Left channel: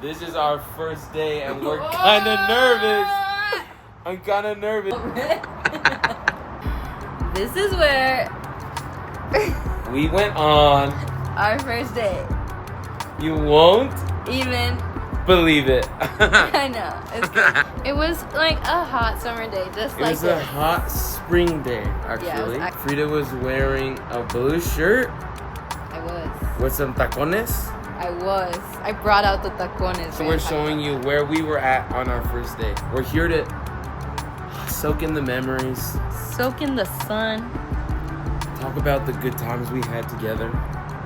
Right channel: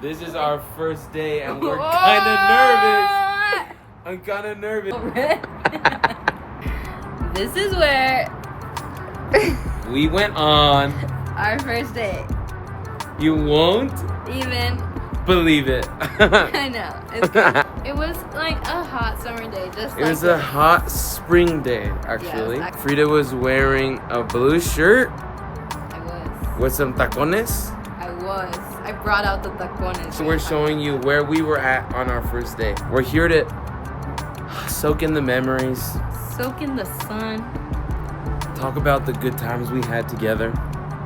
This is our first day and we're kind of nervous. I'm kind of nervous. This is where we went on our first date. You won't even believe it. I know. It was like a hot summer day. It was a hot spring day, actually. Yeah, Frida was wearing a blue shirt. I was. With some tacones. I was. I brought out the tacones. So we're showing you where we were at on our first day. We're here to soak in the memories. Soak in the sun. Talk about the good times we had together.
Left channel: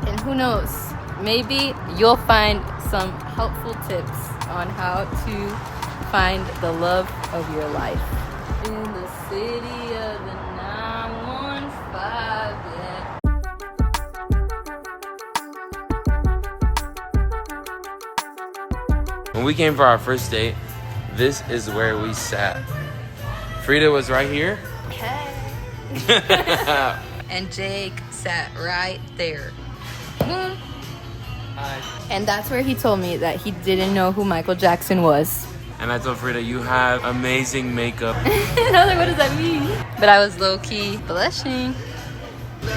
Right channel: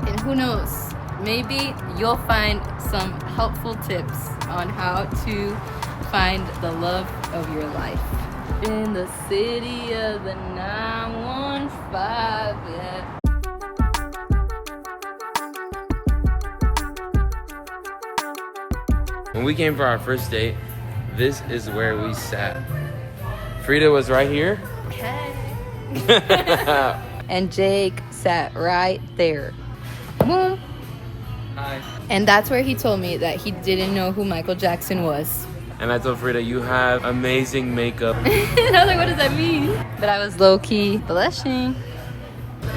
And who knows, maybe you'll find some helpful tips on how to find the love of your life. In the city of the 915, yeah. When we came for our first date, this is where we sat. Frida was right here. Hey. And Jake sat right there. Hi. And that's where he told me that he didn't know who Michael Jackson was. And I told Frida, you have amazing makeup. And I was like, what does that mean? But I was low-key blushing.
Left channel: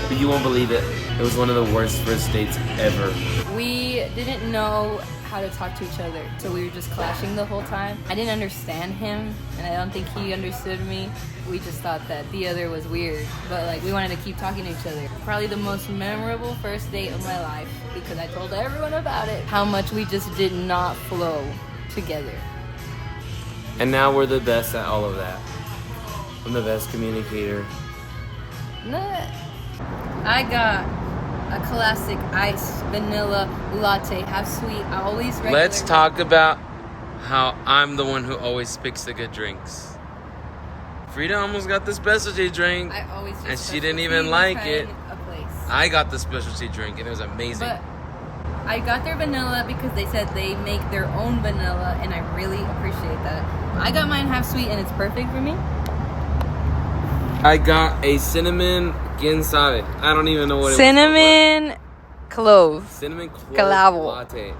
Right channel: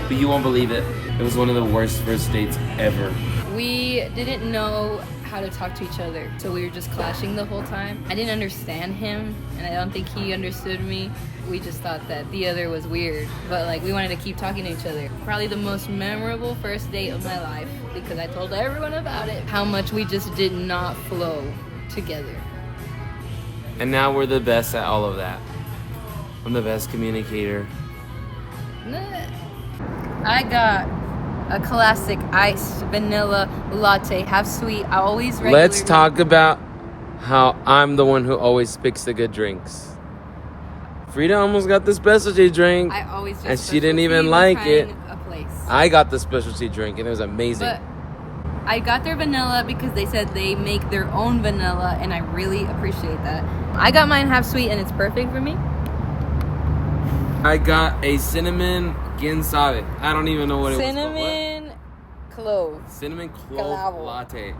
But you won't believe it. It was one of the worst first dates ever. We didn't know how to talk to each other, so we were just clashing the whole time. I didn't understand him, and I don't think he understood me. We just thought that the other was weird, but like we wanted to keep talking to each other. Probably the most memorable first date of my life, because I told everyone about it. How much we just did not flow together. And now we're the best at all of that. I'm the best communicator. Nah. I got a classic iced vanilla latte, half sweet. I always regular. Let's talk about how I'm the one who always picks the good drinks. Frida almost got the specialty drink. I always just and she didn't even like it. A place. I got the specialty drink and it was amazing. But I got their vanilla because they said they make their own vanilla, and I really appreciate that. I got mine half sweet and it's perfect for me. I got a cinnamon quién sabe. I don't even know what it was Cinnamon clove. Cinnamon clove Clavo. latte.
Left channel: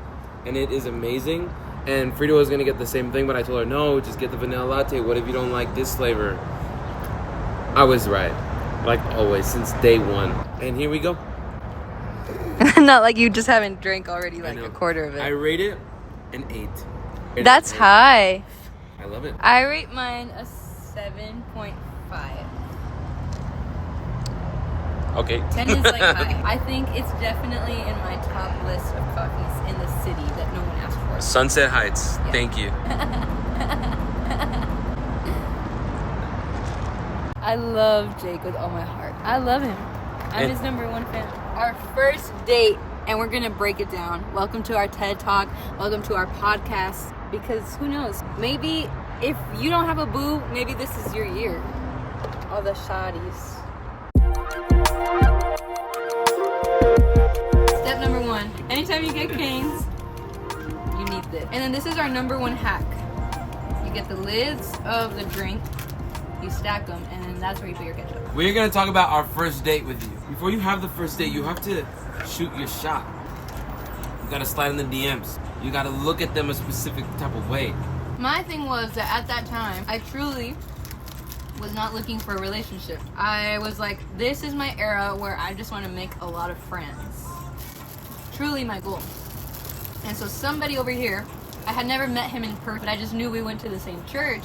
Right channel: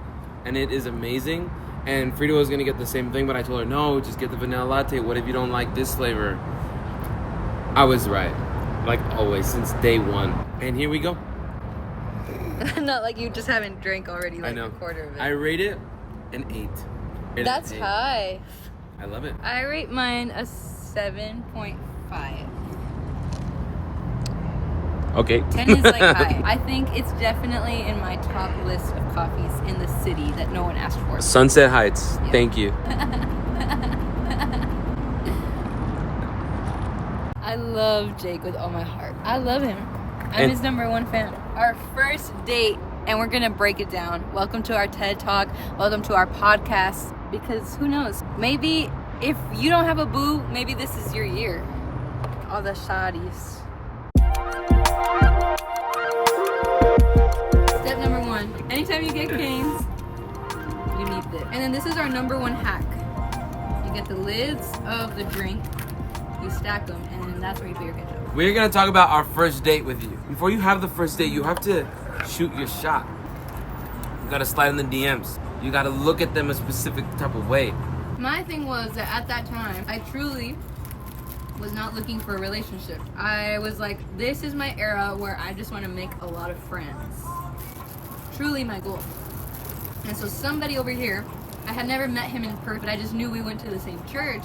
And it is amazing. And Frida was gonna get the same thing, but I told her, no, just get the vanilla latte. What if you don't like this flavor? I was right. Like always, since day one. And here we go. Not like you just haven't drank already like a quarter of it. I rate it an 8. That's high. I love it. I rate mine a 7.5. Okay. 10 is like high. I think it's definitely in my top list of coffees in the city that no one asked for. Sunset Heights. Yeah. Thank you. I love Jake with all my heart. I love him. I'm his #1 fan. Our first date, and we're gonna break it down. Welcome to our TED Talk. Welcome to our podcast. Because who knows? Maybe if you don't have a boo, maybe this is your year. All the shawties. Step number 1. Anytime you get canes, you need this. And then this is our #1 hack. You get the lids of the drink, you stack them, and that's where you put your ketchup. We're gonna talk about our first date with you. Before you have the first date, you have to shoot your shot. You gotta slide in the DMs. You gotta look at them a specific type of way. My thing was that at that time, I truly was not looking for a relationship. I was like, this is my era where I just want to make a lot of friends. Truly my goal. And so somebody over here, I had never met him in person, but I just knew we went to the same church.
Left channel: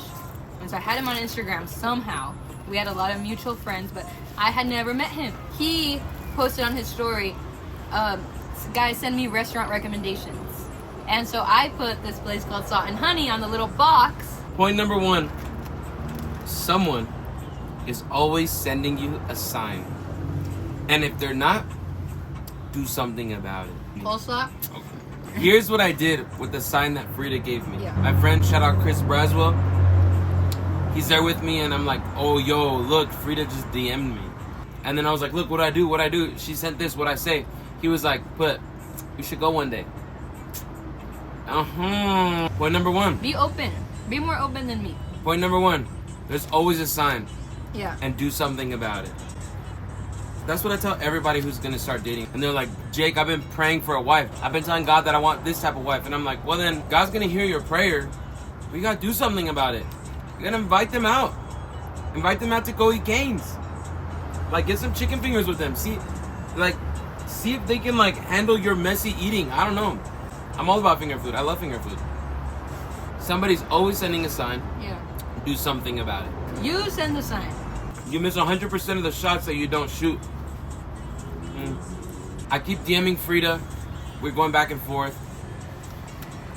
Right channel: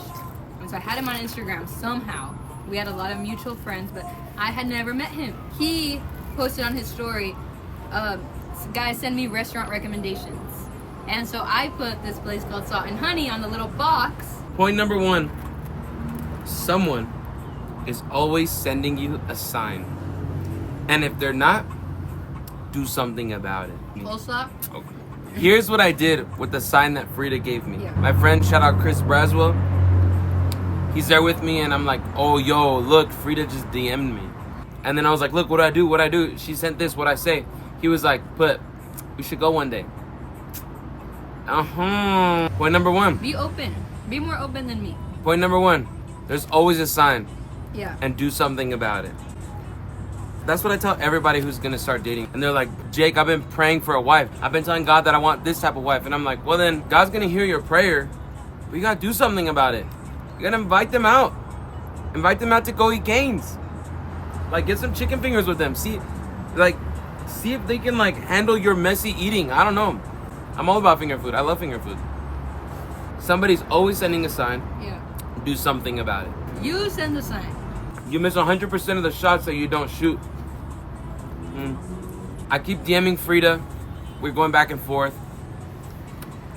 And so I had him on Instagram somehow. We had a lot of mutual friends, but I had never met him. He posted on his story, guys, send me restaurant recommendations. And so I put this place called Salt and Honey on the little box. Point number 1, someone is always sending you a sign. And if they're not, do something about it. Coleslaw? Okay. Here's what I did with the sign that Frida gave me. Yeah. My friend, shout out Chris Braswell. He's there with me and I'm like, oh, yo, look, Frida just DM'd me. And then I was like, look, what do I do? What do I do? She sent this, what I say? He was like, we should go one day. Point number 1. Be open. Be more open than me. Point number 1. There's always a sign. Yeah. And do something about it. That's what I tell everybody who's gonna start dating. And they're like, Jake, I've been praying for a wife. I've been telling God that I want this type of wife. And I'm like, well then, God's gonna hear your prayer. But you gotta do something about it. You gotta invite them out. Invite them out to go eat canes. Like, get some chicken fingers with them. See if they can like handle your messy eating. I don't know. I'm all about finger food. I love finger food. Somebody's always sending a sign. Yeah. Do something about it. You send the sign. You miss 100% of the shots that you don't shoot. I keep DMing Frida. We're going back and forth.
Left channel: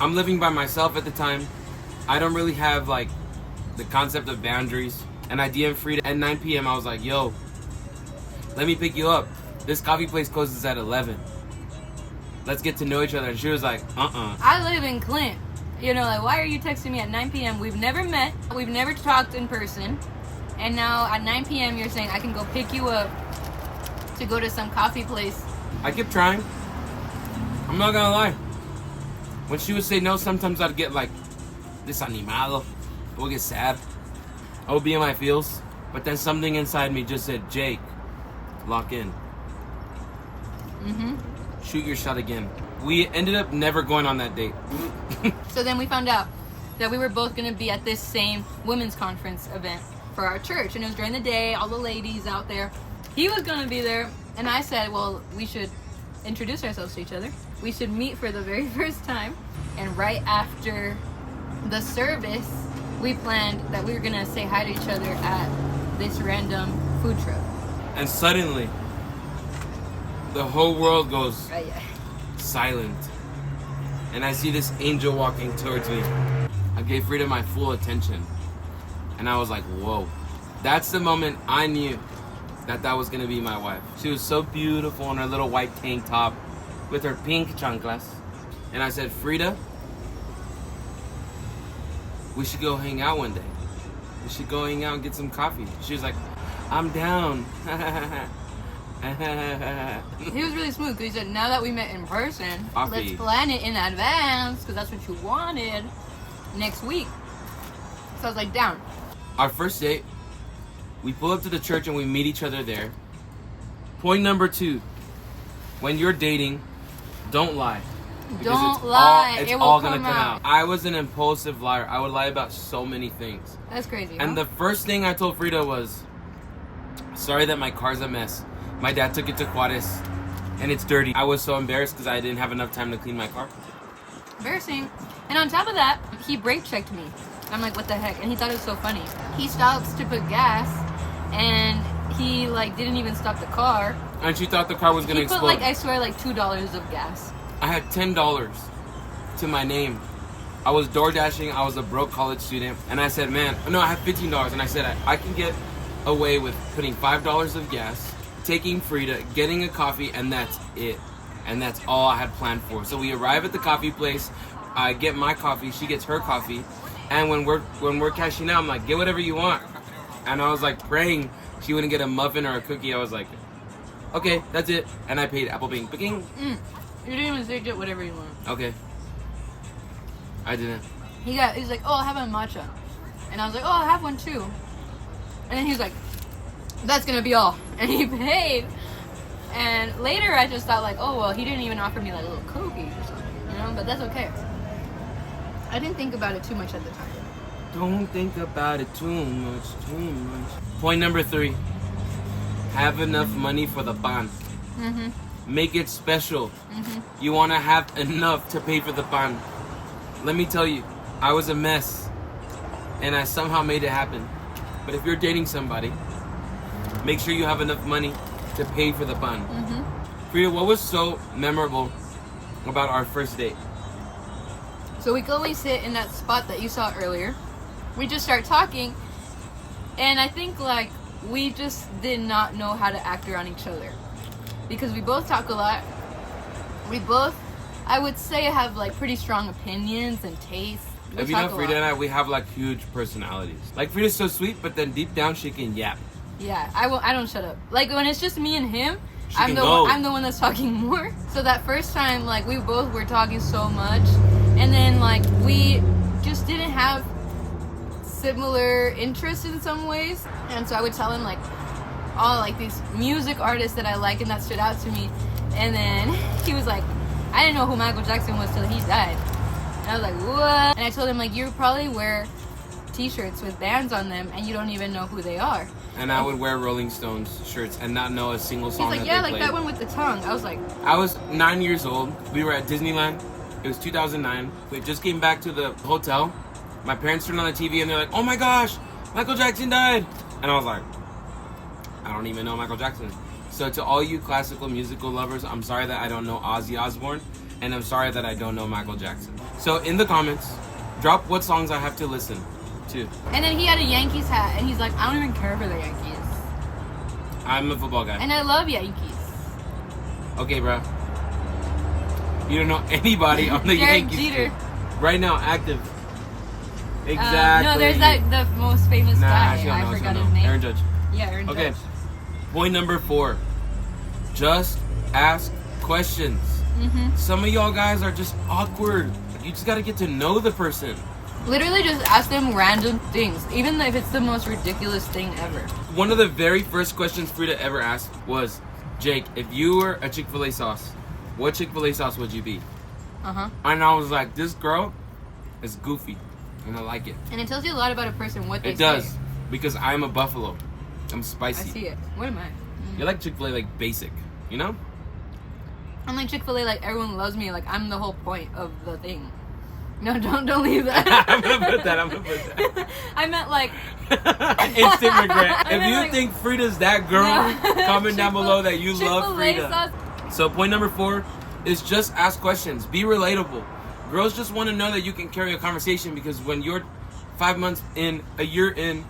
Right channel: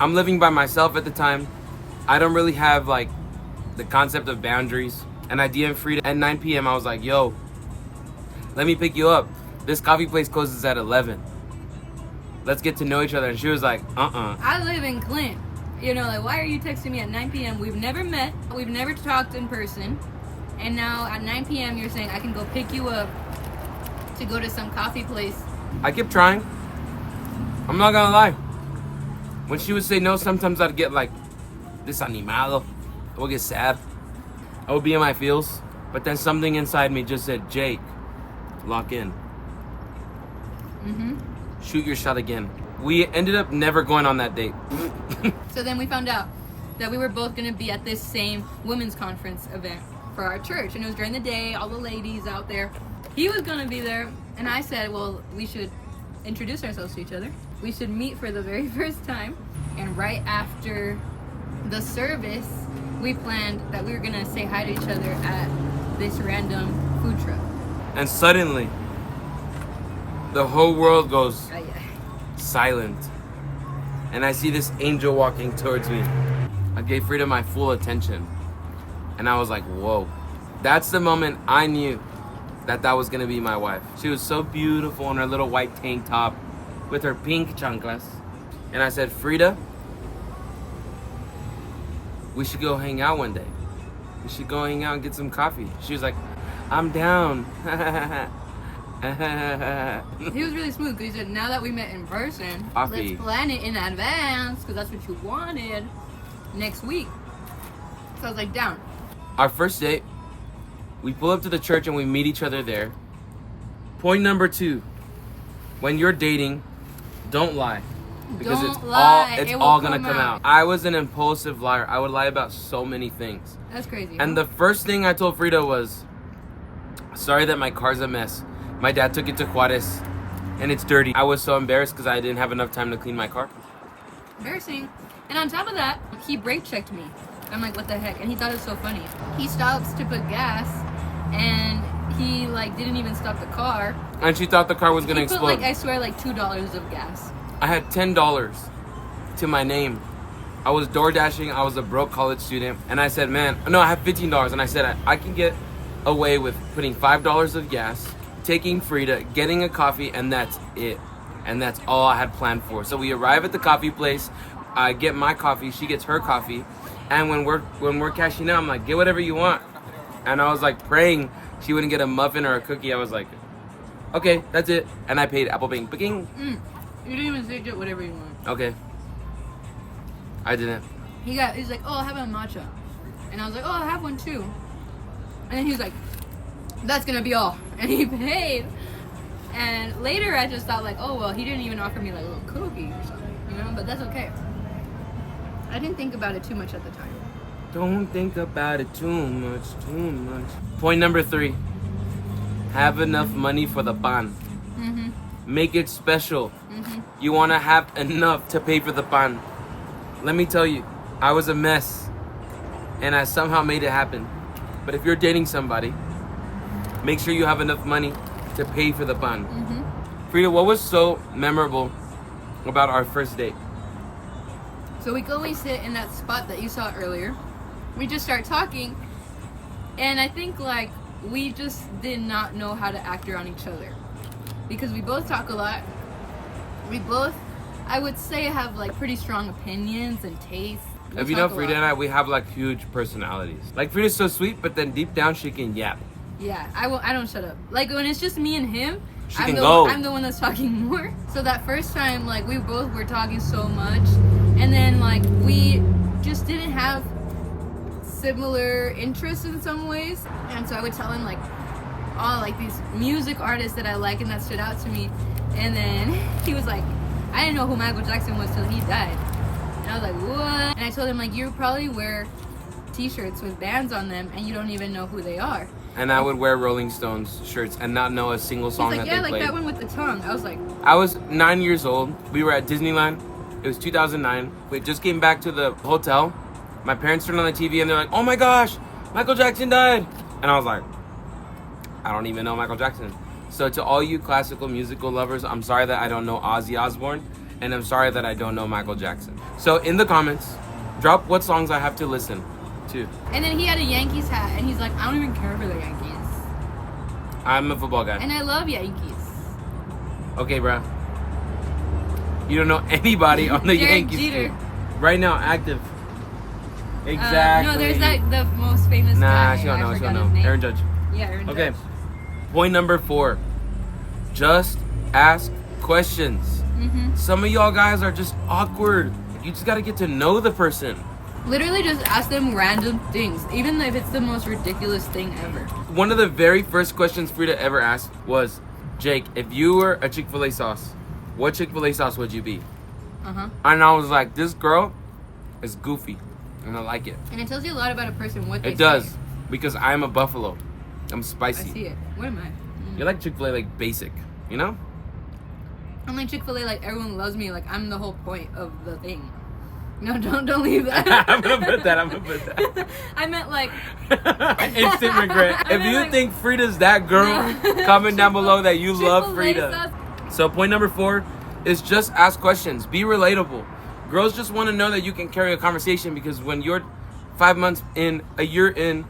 I'm living by myself at the time. I don't really have like the concept of boundaries. And I DM Frida at 9 p.m. I was like, yo, let me pick you up. This coffee place closes at 11. Let's get to know each other. And she was like, I live in Clint. You know, like, why are you texting me at 9 p.m.? We've never met. We've never talked in person. And now at 9 p.m. you're saying I can go pick you up to go to some coffee place. I kept trying. I'm not gonna lie. When she would say no, sometimes I'd get like desanimado. I would get sad. I would be in my feels. But then something inside me just said, Jake, lock in. Shoot your shot again. We ended up never going on that date. So then we found out that we were both going to be at this same women's conference event for our church. And it was during the day, all the ladies out there. He was going to be there. And I said, well, we should introduce ourselves to each other. We should meet for the very first time. And right after the service, we planned that we were going to say hi to each other at this random food truck. And suddenly, the whole world goes silent. And I see this angel walking towards me. I gave Frida my full attention. And I was like, whoa. That's the moment I knew that was going to be my wife. She was so beautiful in her little white tank top with her pink chanclas. And I said, Frida, we should go hang out one day. We should go hang out and get some coffee. She was like, I'm down. He was really smooth because he said, now that we met in person, coffee. Let's plan it in advance because that's what you wanted next week. So I was like, down. Our first date, we pull up to the church and we meet each other there. Point number 2, when you're dating, don't lie. Because it's all gonna come out. I was an impulsive liar. I would lie about so many things. That's crazy. And the first thing I told Frida was, sorry that my car's a mess. My dad took it to Juarez and it's dirty. I was so embarrassed because I didn't have enough time to clean my car. Embarrassing. And on top of that, he brake checked me. I'm like, what the heck? And he thought it was so funny. He stops to put gas and he like didn't even stop the car. And she thought the car was gonna He explode. put like, I swear, like $2 of gas. I had $10 to my name. I was door dashing. I was a broke college student. And I said, man, no, I have $15. And I said, I can get away with putting $5 of gas, taking Frida, getting a coffee, and that's it. And that's all I had planned for. So we arrive at the coffee place. I get my coffee. She gets her coffee. And when we're cashing out, I'm like, get whatever you want. And I was like praying she wouldn't get a muffin or a cookie. I was like, okay, that's it. And I paid Apple Pay. Picking. You didn't even say get whatever you want. Okay. I didn't. He's like, oh, I'll have a matcha. And I was like, oh, I'll have one too. And then he's like, that's gonna be all. And he paid. And later I just thought like, oh, well, he didn't even offer me like a little cookie or something, you know? But that's okay. I didn't think about it too much at the time. Don't think about it too much. Point number 3. Have enough money for the pan. Make it special. You want to have enough to pay for the pan. Let me tell you, I was a mess. And I somehow made it happen. But if you're dating somebody, make sure you have enough money to pay for the pan. Frida, what was so memorable about our first date? So we go, we sit in that spot that you saw earlier. We just start talking. And I think like we just did not know how to act around each other. Because we both talk a lot. We both, I would say, have like pretty strong opinions and tastes. If you know Frida and I, we have like huge personalities. Like Frida's so sweet, but then deep down she can yap. Yeah, I don't shut up. Like when it's just me and him, I'm the one that's talking more. So that first time, like we both were talking so much, and then like we just didn't have similar interests in some ways. And so I would tell him like, all like these music artists that I like and that stood out to me. And then he was like, I didn't know who Michael Jackson was till he died. And I was like, what? And I told him, like, you probably wear t-shirts with bands on them and you don't even know who they are. And I would wear Rolling Stones shirts and not know a single song He's like, that yeah, they like played. that one with the tongue. I was like, I was 9 years old. We were at Disneyland. It was 2009. We just came back to the hotel. My parents turned on the TV and they're like, oh my gosh, Michael Jackson died. And I was like, I don't even know Michael Jackson. So to all you classical musical lovers, I'm sorry that I don't know Ozzy Osbourne. And I'm sorry that I don't know Michael Jackson. So in the comments, drop what songs I have to listen to. and then he had a Yankees hat and he's like, I don't even care for the Yankees. I'm a football guy. And I love Yankees. Okay, bro. You don't know anybody on the Derek Yankees Jeter. team. Right now, active. Exactly. No, there's that the most famous Nah, guy. she don't I know. She forgot don't his know. name. Aaron Judge. Yeah, Aaron Okay. Judge. Point number 4. Just ask questions. Mm-hmm. Some of y'all guys are just awkward. You just got to get to know the person. Literally just ask them random things, even if it's the most ridiculous thing ever. One of the very first questions Frida ever asked was, Jake, if you were a Chick-fil-A sauce, what Chick-fil-A sauce would you be? Uh-huh. And I was like, this girl is goofy. And I like it. And it tells you a lot about a person, what they It does. say. Because I'm a buffalo. I'm I spicy. see it. What am I? You like Chick-fil-A like basic, you know? I'm like Chick-fil-A, like everyone loves me, like I'm the whole point of the thing. No, don't leave that. I'm gonna put that. I meant like Instant regret. I If mean, you like- think Frida's that girl, No. comment down below that you love Chick-fil-A Frida. sauce. So point number 4 is just ask questions. Be relatable. Girls just want to know that you can carry a conversation, because when you're 5 months in, a year in,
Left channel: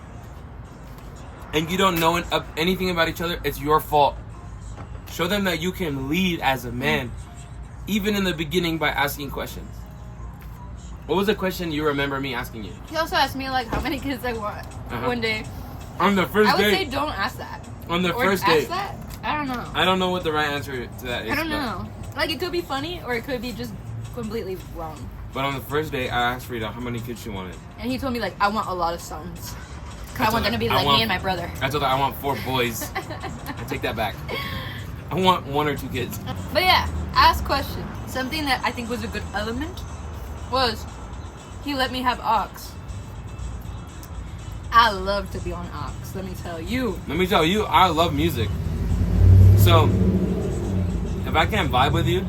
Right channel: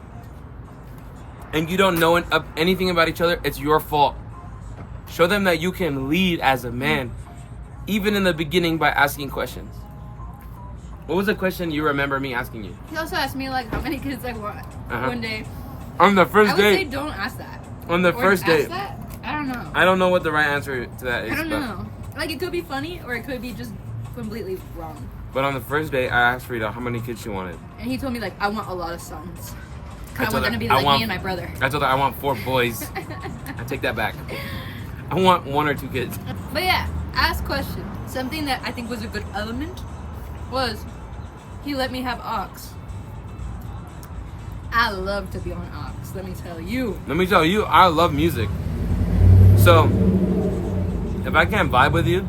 and you don't know anything about each other, it's your fault. Show them that you can lead as a man, even in the beginning, by asking questions. What was the question you remember me asking you? He also asked me like how many kids I want one day. On the I first would say date. don't ask that. On the Or first ask date. that? I don't know. I don't know what the right answer to that is. I don't but, know. Like it could be funny or it could be just completely wrong. But on the first date, I asked Frida how many kids she wanted. And he told me like I want a lot of sons. I I told want her, them to be I like want- me and my brother. I told her I want 4 boys. I take that back. I want 1 or 2 kids. But yeah, ask questions. Something that I think was a good element was he let me have Ox. I love to be on Ox, let me tell you. Let me tell you, I love music. So, if I can't vibe with you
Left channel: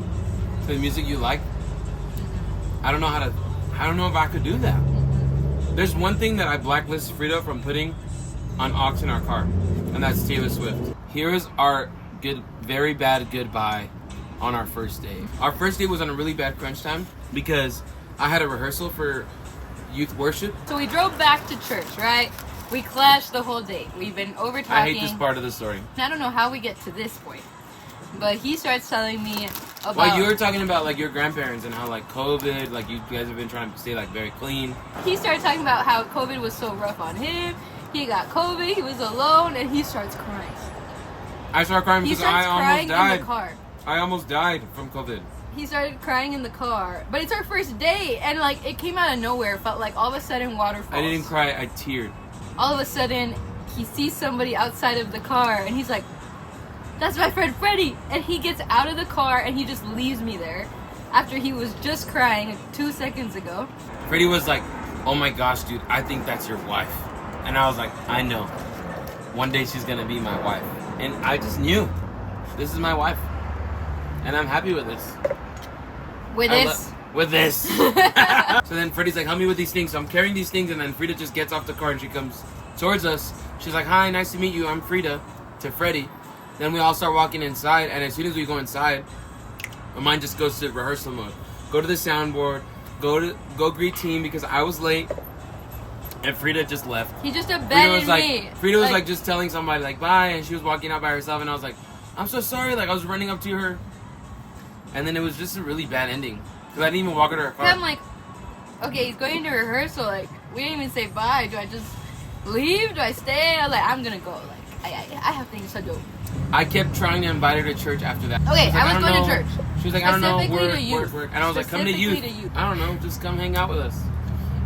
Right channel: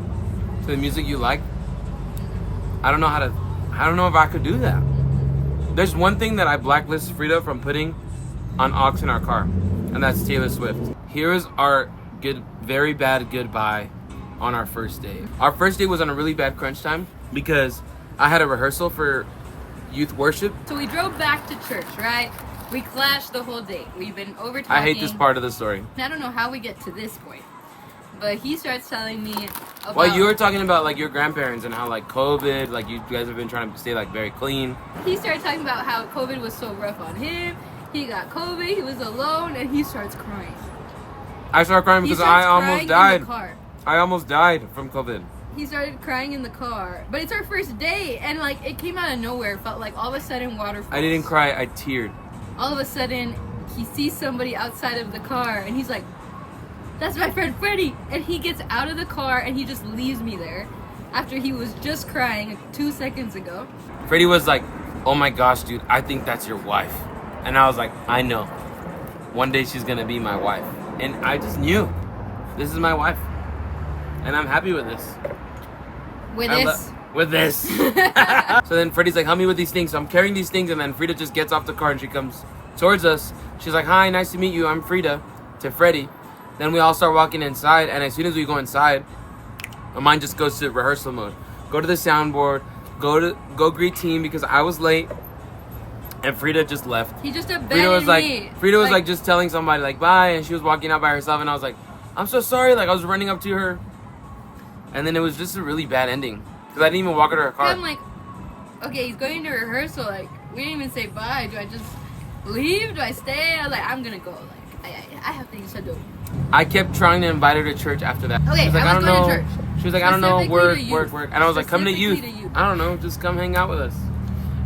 to the music you like, I don't know if I could do that. There's one thing that I blacklist Frida from putting on aux in our car, and that's Taylor Swift. Here is our very bad goodbye on our first date. Our first date was on a really bad crunch time because I had a rehearsal for youth worship. So we drove back to church, right? We clashed the whole date. We've been over talking. I hate this part of the story. I don't know how we get to this point. But he starts telling me about... Well, you were talking about like your grandparents and how like COVID, like you guys have been trying to stay like very clean. He started talking about how COVID was so rough on him. He got COVID, he was alone, and he starts crying. I started crying He because starts I almost crying in died. the car. I almost died from COVID. He started crying in the car. But it's our first date, and like it came out of nowhere. It felt like all of a sudden waterfalls. I didn't cry, I teared. All of a sudden, he sees somebody outside of the car, and he's like, that's my friend Freddie. And he gets out of the car, and he just leaves me there after he was just crying 2 seconds ago. Freddie was like, oh my gosh, dude, I think that's your wife. And I was like, I know. One day she's gonna be my wife. And I just knew, this is my wife. And I'm happy with this. With I this. with this. So then Freddie's like, help me with these things. So I'm carrying these things, and then Frida just gets off the car and she comes towards us. She's like, hi, nice to meet you. I'm Frida. To Freddie. Then we all start walking inside, and as soon as we go inside, my mind just goes to rehearsal mode. Go to the soundboard, go greet team because I was late, and Frida just left. He just abandoned Frida was me. like just telling somebody like bye, and she was walking out by herself, and I was like, I'm so sorry. Like I was running up to her, and then it was just a really bad ending because I didn't even walk her to her car. I'm like, okay, he's going to rehearsal. Like, we didn't even say bye. Do I just leave? Do I stay? I was like, I'm gonna go. Like, I have things to do. I kept trying to invite her to church after that. Okay, she was like, I was I don't going know. to church. She was like, I don't know, Specifically to work. youth. And I was like, come to youth. Specifically to youth. I don't know, just come hang out with us.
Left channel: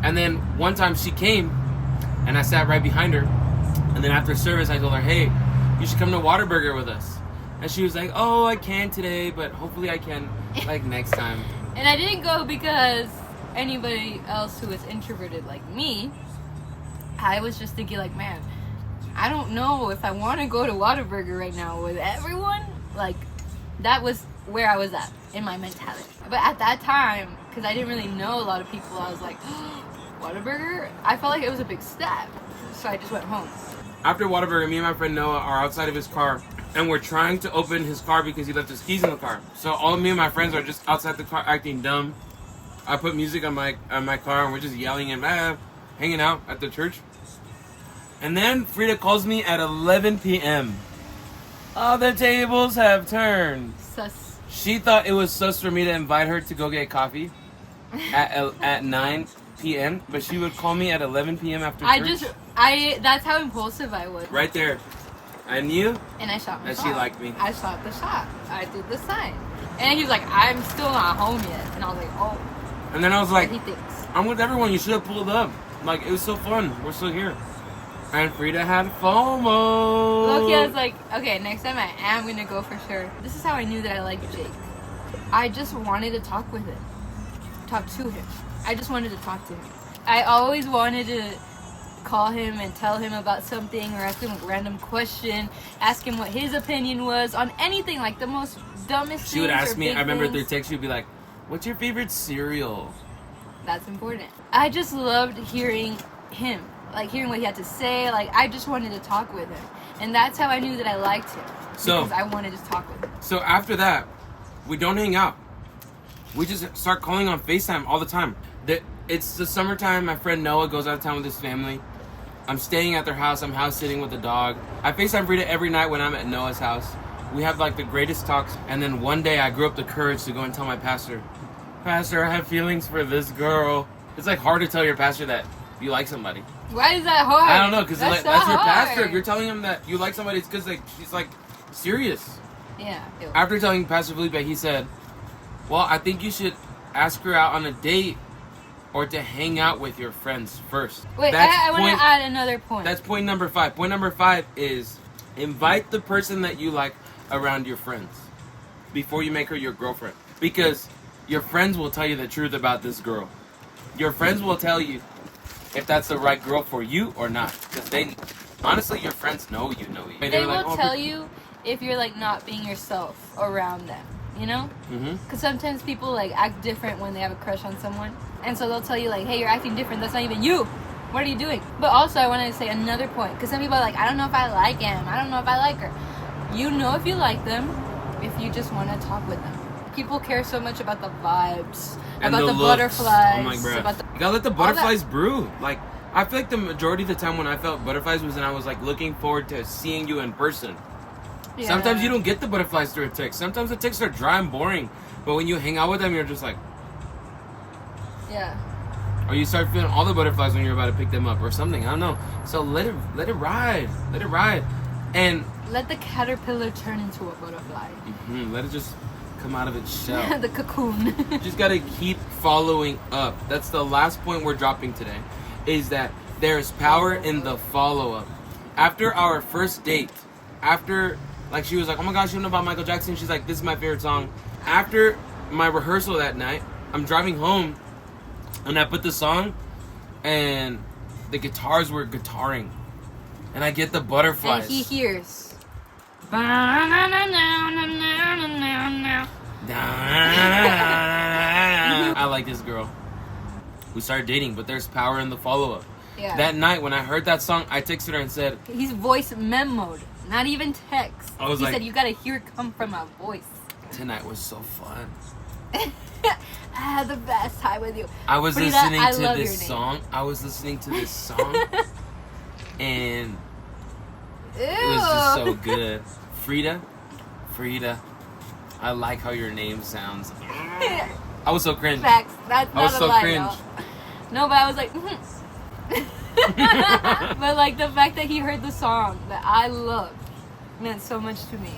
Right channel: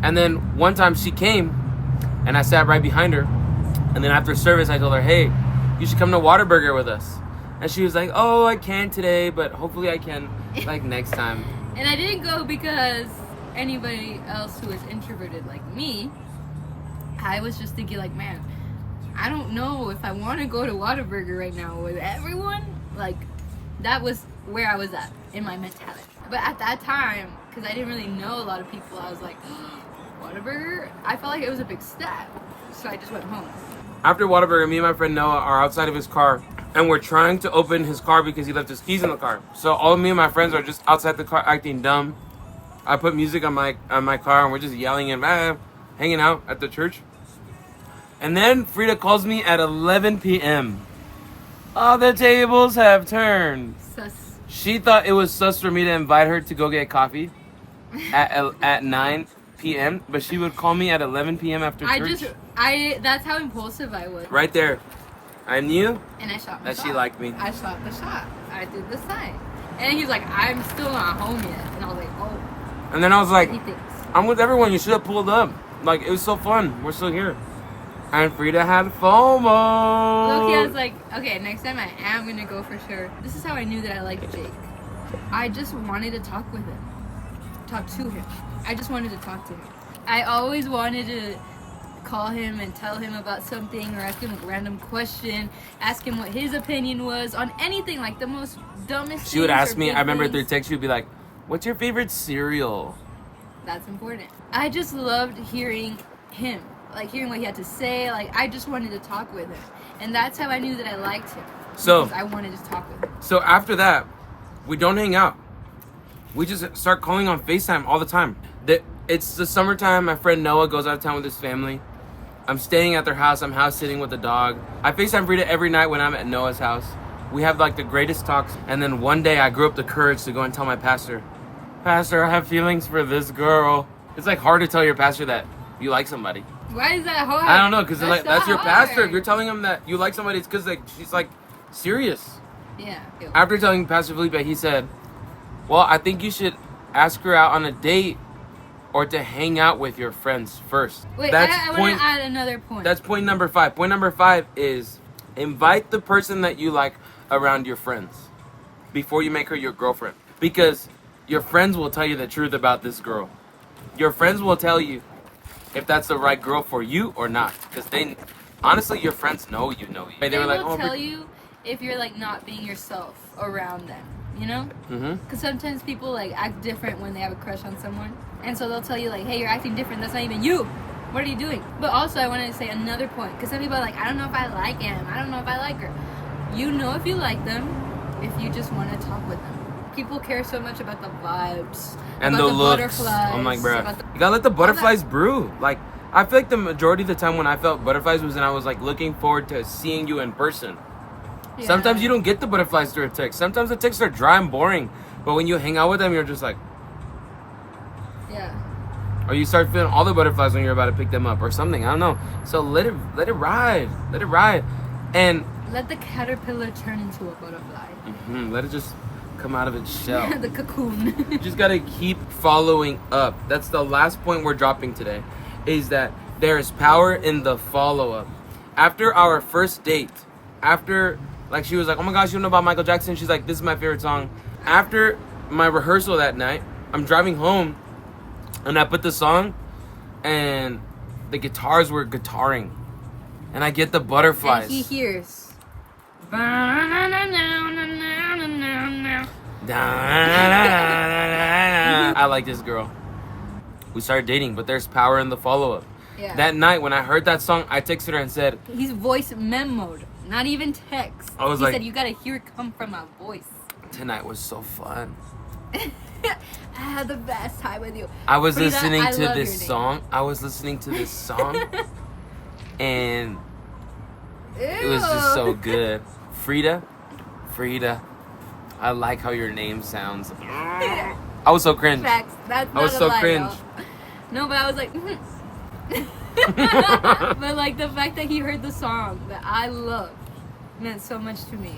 And then one time she came, and I sat right behind her. And then after service, I told her, hey, you should come to Whataburger with us. And she was like, oh, I can't today, but hopefully I can like next time. And I didn't go because anybody else who is introverted like me, I was just thinking like, man, I don't know if I want to go to Whataburger right now with everyone. Like, that was where I was at in my mentality. But at that time, because I didn't really know a lot of people, I was like, Whataburger? I felt like it was a big step. So I just went home. After Whataburger, me and my friend Noah are outside of his car, and we're trying to open his car because he left his keys in the car. So all of me and my friends are just outside the car acting dumb. I put music on my car, and we're just yelling and hanging out at the church. And then Frida calls me at 11 p.m. All the tables have turned. Sus. She thought it was sus for me to invite her to go get coffee at 9 p.m. But she would call me at 11 p.m. after church. That's how impulsive I was. Right there. I knew And I shot my that shot. she liked me. I shot the shot. I did the sign. And he was like, I'm still not home yet. And I was like, oh. And then I was like, He thinks. I'm with everyone. You should have pulled up. Like, it was so fun. We're still here. And Frida had FOMO. Loki, I was like, okay, next time I am going to go for sure. This is how I knew that I liked Jake. I just wanted to talk with him. Talk to him. I just wanted to talk to him. I always wanted to call him and tell him about something or ask him a random question, ask him what his opinion was on anything, like the most dumbest She would things ask or me, big I remember things. through text, she would be like, what's your favorite cereal? That's important. I just loved hearing him, like hearing what he had to say. Like, I just wanted to talk with him. And that's how I knew that I liked him. So- because I wanted to talk with him. So after that, we don't hang out. We just start calling on FaceTime all the time. It's the summertime. My friend Noah goes out of town with his family. I'm staying at their house. I'm house sitting with the dog. I FaceTime Frida every night when I'm at Noah's house. We have like the greatest talks. And then one day I grew up the courage to go and tell my pastor, Pastor, I have feelings for this girl. It's like hard to tell your pastor that you like somebody. Why is that hard? I don't know, because That's that's so your pastor. hard. If you're telling him that you like somebody, it's because like she's like serious. Yeah. Ew. After telling Pastor Felipe, he said, well, I think you should ask her out on a date or to hang out with your friends first. Wait, That's I want to add another point. That's point number 5. Point number 5 is invite the person that you like around your friends before you make her your girlfriend. Because your friends will tell you the truth about this girl. Your friends will tell you if that's the right girl for you or not. Because honestly, your friends know you. They were like, will oh, tell you if you're like not being yourself around them, you know? Mm-hmm. Because sometimes people like act different when they have a crush on someone, and so they'll tell you like, hey, you're acting different, that's not even you, what are you doing? But also I want to say another point, because some people are like, I don't know if I like him, I don't know if I like her. You know if you like them if you just want to talk with them. People care so much about the vibes And about the the looks. butterflies, I'm like, bro, about the- you gotta let the butterflies brew. Like, I feel like the majority of the time when I felt butterflies was when I was like looking forward to seeing you in person. Yeah. Sometimes you don't get the butterflies through a text. Sometimes the texts are dry and boring. But when you hang out with them, you're just like, Yeah. or you start feeling all the butterflies when you're about to pick them up or something. I don't know. So let it ride. Let it ride. And Let the caterpillar turn into a butterfly. let it just come out of its shell. The cocoon. You just gotta keep following up. That's the last point we're dropping today, is that there's power in the follow-up. After our first date, after, like, she was like, oh my gosh, you know about Michael Jackson? She's like, this is my favorite song. After my rehearsal that night, I'm driving home, and I put the song, and the guitars were guitaring. And I get the butterflies. And he hears. I like this girl. We started dating, but there's power in the follow-up. Yeah. That night when I heard that song, I texted her and said, He's voice memoed, not even text. I was he like- said, you gotta hear it come from my voice. tonight was so fun. I had the best time with you. I was Frida, listening I to love this your name. song. I was listening to this song, and it was just so good. Frida, I like how your name sounds. I was so cringe. Facts. That's I was not a so lie, cringe. No, but I was like, but like the fact that he heard the song that I loved meant so much to me.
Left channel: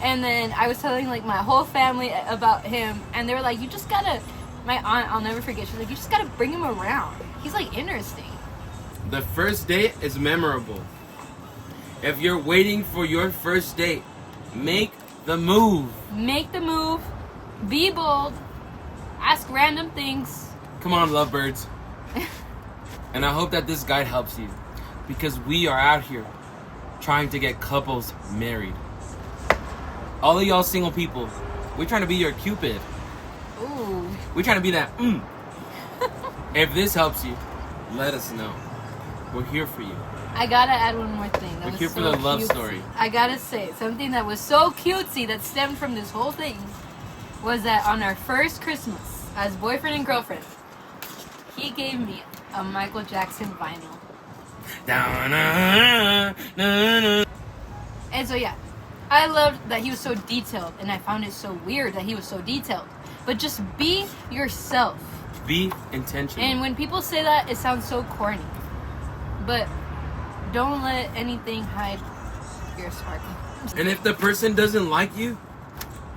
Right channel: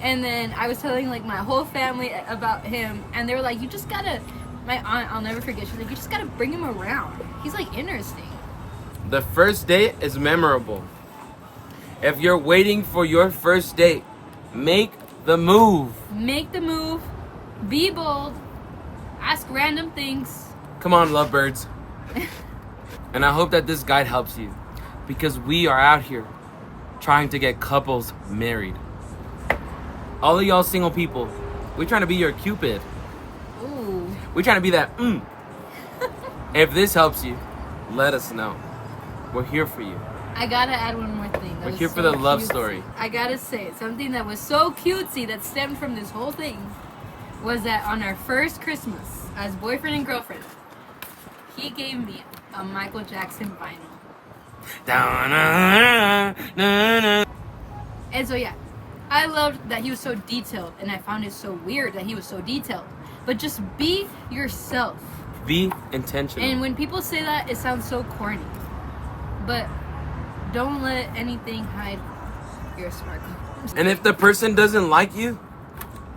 And then I was telling like my whole family about him, and they were like, you just gotta, my aunt, I'll never forget, she's like, you just gotta bring him around. He's like interesting. The first date is memorable. If you're waiting for your first date, make the move. Make the move. Be bold. Ask random things. Come on, lovebirds. And I hope that this guide helps you, because we are out here trying to get couples married. All of y'all single people, we're trying to be your Cupid. Ooh. We're trying to be that. If this helps you, let us know. We're here for you. I gotta add one more thing. We're here for the love story. I gotta say, something that was so cutesy that stemmed from this whole thing was that on our first Christmas as boyfriend and girlfriend, he gave me a Michael Jackson vinyl. And so yeah, I loved that he was so detailed, and I found it so weird that he was so detailed. But just be yourself. Be intentional. And when people say that, it sounds so corny. But don't let anything hide your sparkle. And if the person doesn't like you,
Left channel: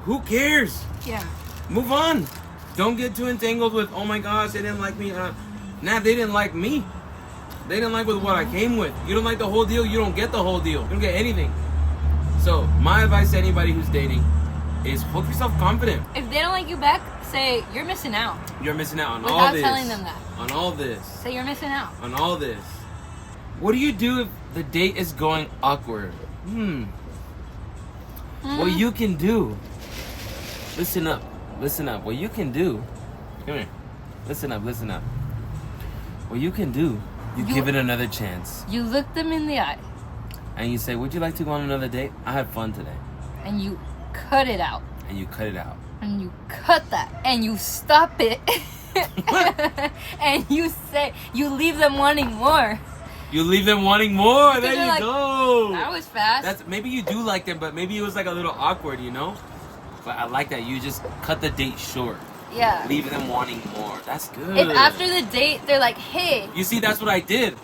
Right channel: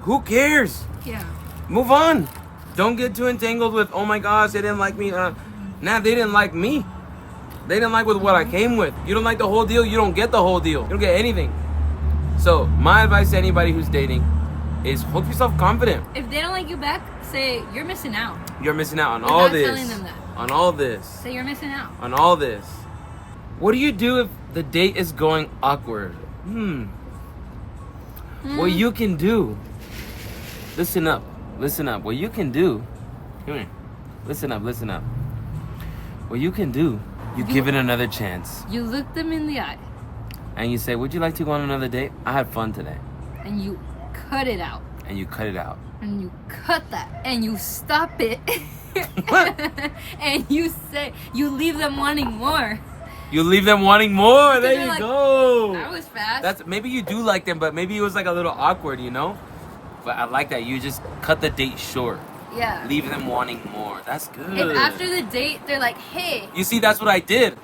who cares? Yeah. Move on. Don't get too entangled with, oh my gosh, they didn't like me. Nah, they didn't like me. They didn't like with what I came with. You don't like the whole deal, you don't get the whole deal. You don't get anything. So my advice to anybody who's dating is hold yourself confident. If they don't like you back, say you're missing out. You're missing out on Without all this. telling them that. On all this. Say you're missing out. On all this. What do you do if the date is going awkward? What you can do. Listen up. Listen up. What you can do. Come here. Listen up. Listen up. What you can do, you give it another chance. You look them in the eye. And you say, would you like to go on another date? I had fun today. And you cut it out. And you cut it out. And you cut that. And you stop it. And you say, you leave them wanting more. You leave them wanting more. Because There they're you like, go. That was fast. That's maybe you do like them, but maybe it was like a little awkward, you know? But I like that. You just cut the date short. Yeah. Leave them wanting more. That's good. If after the date they're like, hey. You see, that's what I did.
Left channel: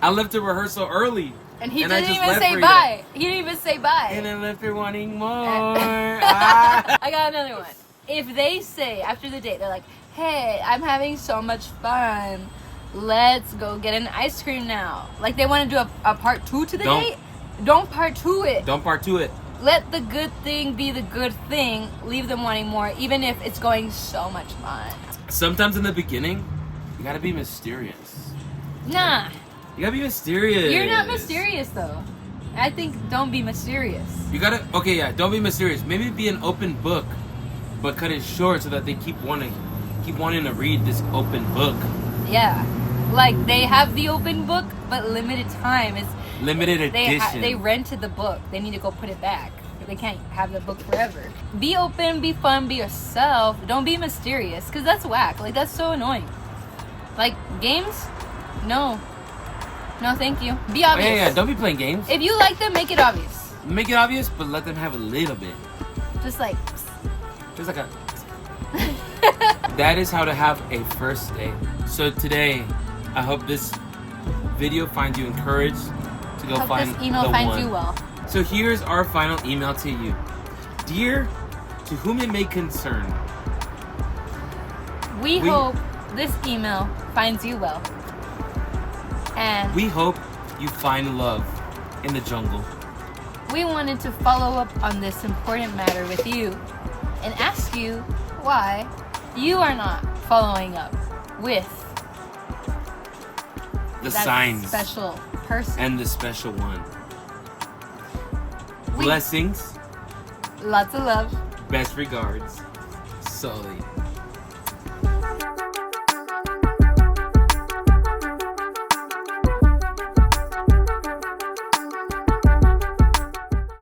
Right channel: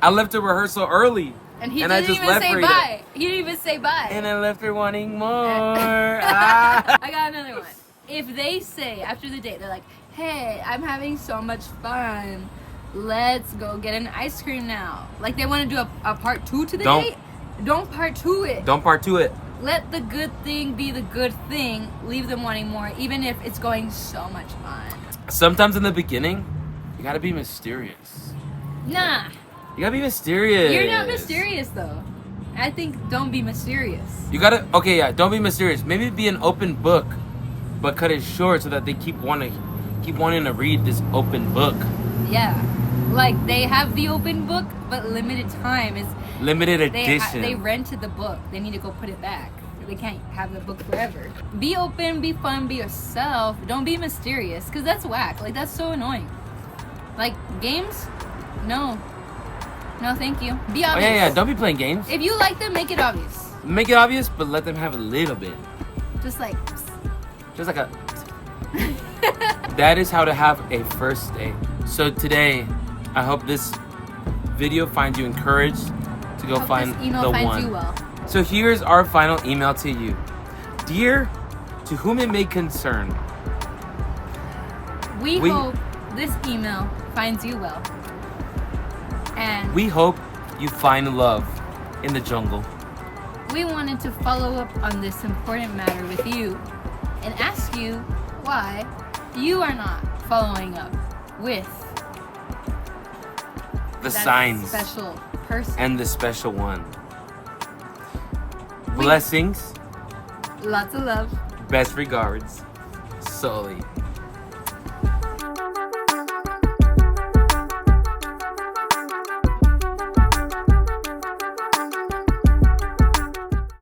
I left her rehearsal early. And he I didn't just even left say her bye. He didn't even say bye. And I left her wanting more. I got another one. If they say after the date, they're like, hey, I'm having so much fun. Let's go get an ice cream now. Like they want to do a part 2 to the date. Don't part 2 it. Don't part 2 it. Let the good thing be the good thing. Leave them wanting more, even if it's going so much fun. Sometimes in the beginning, you gotta be mysterious. Nah. You gotta be mysterious. You're not mysterious though. I think don't be mysterious. You gotta, okay, yeah, don't be mysterious. Maybe be an open book, but cut it short so that they keep wanting to read this open book. Yeah. Like they have the open book, but limited time is limited edition. They rented the book. They need to go put it back. They can't have the book forever. Be open, be fun, be yourself. Don't be mysterious, because that's whack. Like, that's so annoying. Like, games? No. No, thank you. Be obvious. Oh, yeah, don't be playing games. If you like them, make it obvious. Make it obvious, but let them have a little bit. Just like a... That is how to have a first date. So today, I hope this video finds you encouraged to go find this email the finds one. you well. So here's our final email to you. Dear, to whom it may concern. We hope this email finds you well. And we hope you find love in the jungle. We wanted to follow up on this important matter with you and ask you why you are not following up with the that signs special person and the special one. Blessings. Lots of love. Best regards, Sulley.